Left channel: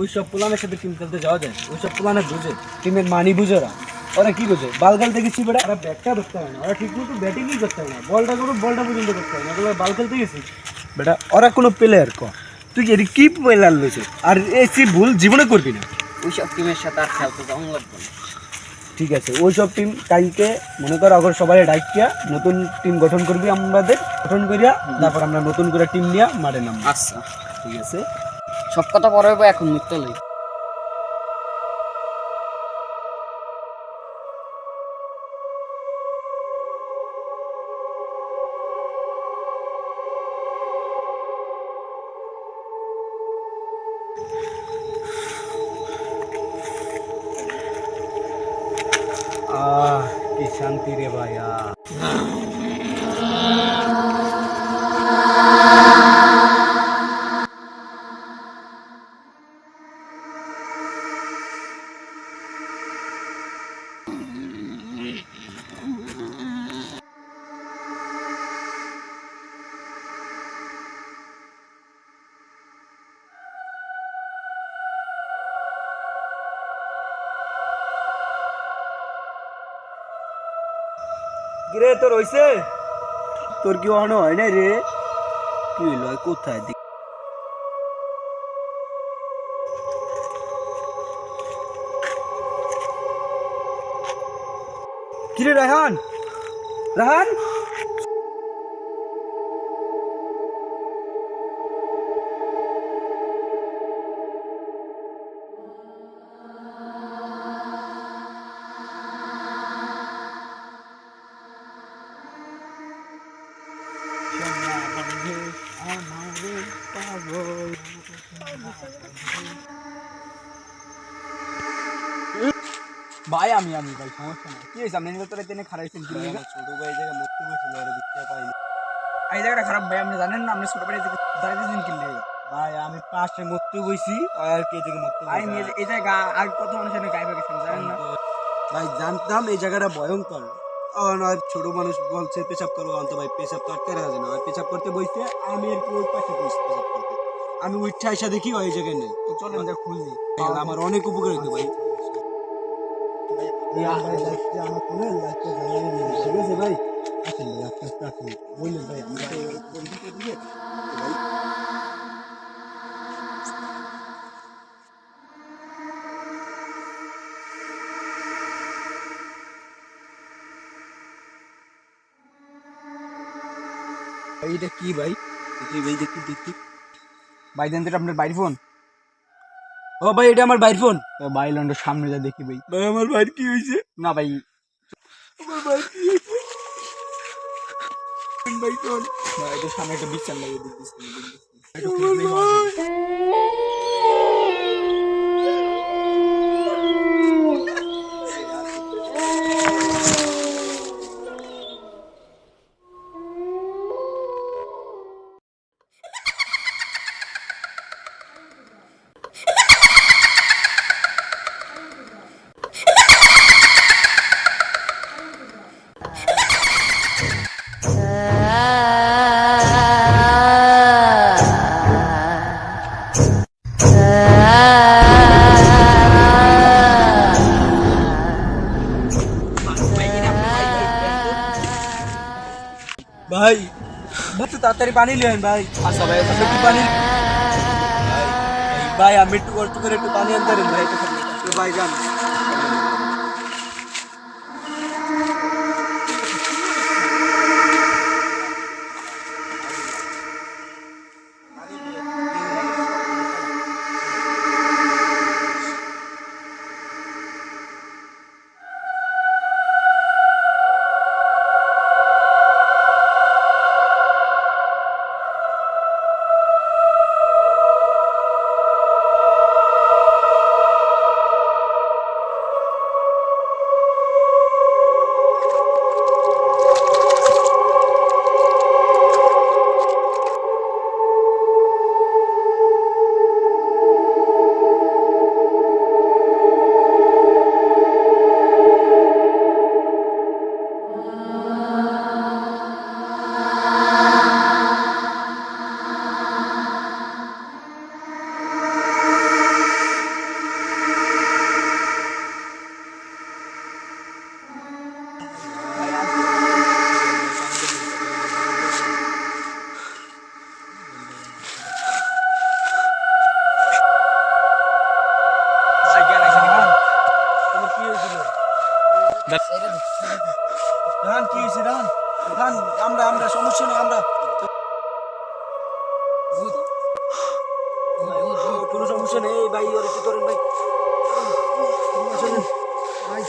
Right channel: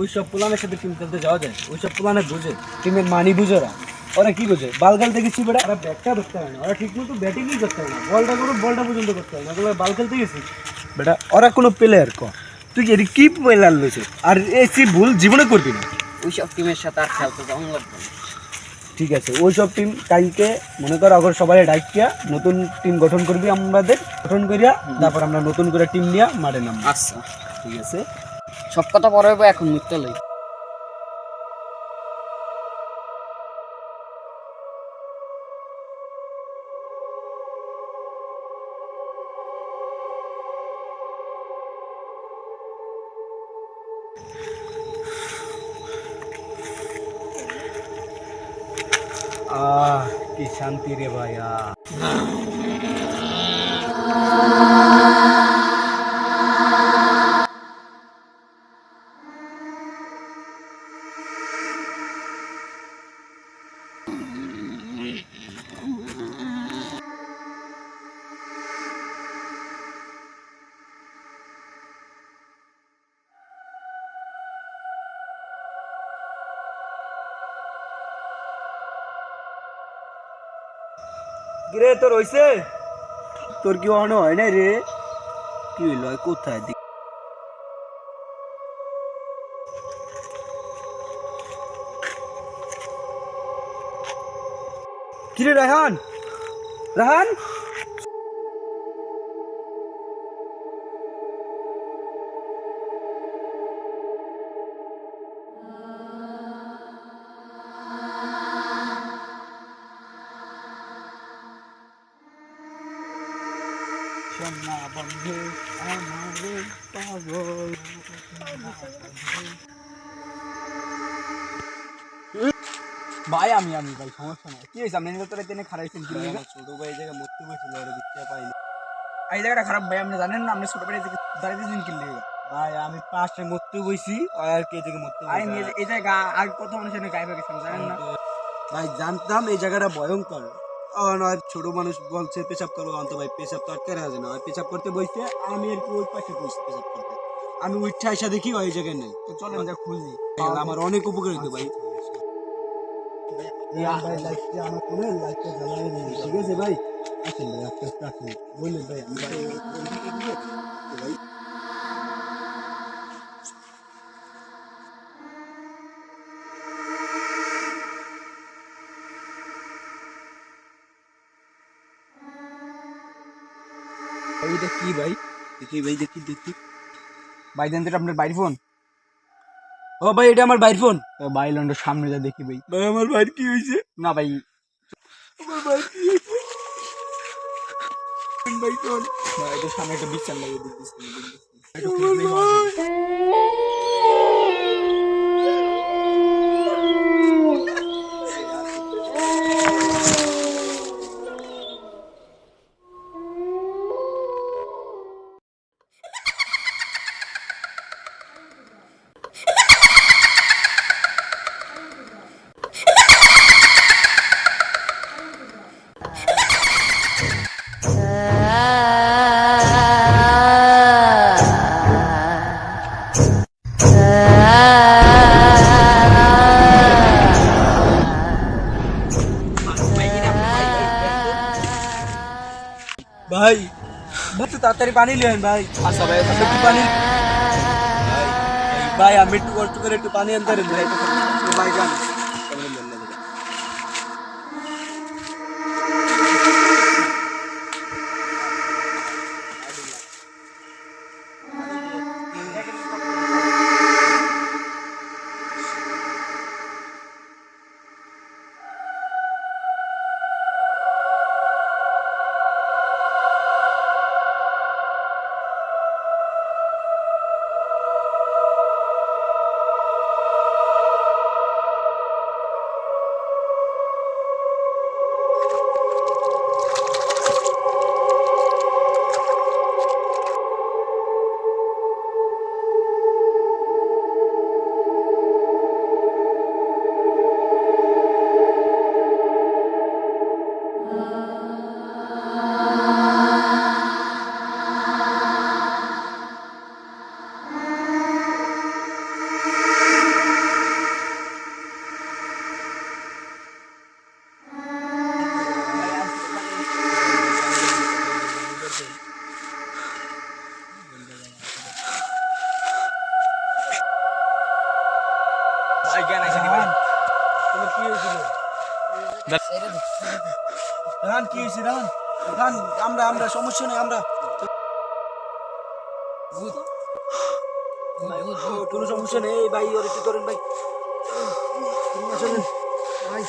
ওইসব প্লানের সাথে টিম খেলতে যাওয়া যায়? ওইসব প্লানে বুঝে, টিমের মানি বুঝে ওরা কি বোঝে? বাল খেলতে গেছি বেটা, ওরা ব্যাটটা ধরতে হয় না, ওরা ঠিক মতো ব্যাটিংই করতে হয় না, বলটা করো বলটা পর্যন্ত করতে হয় না, ওগুলো বাল খেলতে গেছি বেটা। ওরা কোনো প্লেয়ার তুই এর কি প্লেয়ার লইছে? আর এসি ভুল জীবনে করবি না। ওইসব টিমের সাথে আর খেলতে যাওয়া লাগবে না। ঠিক আছে, ওইসব টিম কালকে মনে কর আগর সবাই ডাইকিয়া নতুন টিম গঠন করবি, আমাদের গঠন করিয়া তারপর আমরা নতুন করে টিম নিয়ে মাঠে নামবো। আচ্ছা ঠিক আছে, সব কথা পরে হইবো, এখন মিথ্যা লই। কি শান্তি রে ভাইয়া। কিরে তোর হইছে? তোর কি অন হয় না রে? কি হইল? কোথায় দিক? কিরে রাহান, রাহান ভাই আমি ভাই সমস্যা নাই। কি হয়েছে? আপনি তোরা টেনে খারাইছেন কি? ছোট ভাই এই জায়গায় মরতে বসছিল, আর দিতে পাইনি। এই জায়গাটা খারাপ ভাই, আপনি জানেন না? আপনি ছোট ভাই দাঁড়িয়েছেন কি লিগে? ভাই আমি পাশে মরতে বইছি, আর কে জায়গায় মরতে বইছি? আমি এই জায়গা আর কত মানুষের গায়ে গেছেন জানেন না? ভাই জানতাম এই জায়গাটা ভয়ঙ্কর। নয় ছোট মানুষ বলছে পেশাব করবো, অন্ত ভাই পেশাব তো আটকে রাখা যায় না। পেশাব করতে বইছে, আমি আর কি ওই পাশে বইছি পেশাব করতে। আমি উঠে আসা দেখি ওই জায়গায় নেই, তো চলেন যা খুঁজি। আমার অনেক উপকার হইতো ভাই। ভাই লাইটটা আমার ফোনে লাইটটা জ্বালায় নিয়ে, ঠিক আছে ভাই? আসেন ভাই, আস্তে আস্তে আসেন। বললেন ভাই আমি ভাই ভাই এইটা কি ভাই? দেখি ভাই, দেখি দেখি ভাই, দেন তো আপনার বাইর ফোন। ও ভাই এটা আমার বাইর ফোন। ভাই লন্ডর সামনে যা দেখি ভাই। ভাই আমার বাইর কি হয়েছে? না ভাই আমার বাইর কি হয়েছে? ভাই ফোন ভাই, এটা সামনে একটা বিচার লাগিয়ে দিচ্ছি। ভাই ভাই তো তাড়াতাড়ি পানি নেন ভাই। আচ্ছা ভাই, একটু পানি ভাই। ভাই আমি একটু কষ্ট করে একটু পানি আনতে পারেন ভাই? ভাই যান। ভাই জ্ঞান আছে তোমার কি হয়েছিল রান কি হয়েছে রান রান আমরা সমস্যা নেই আমরা কোনো সমস্যা নেই ভাই ওর একটু করেন ভাই ভাই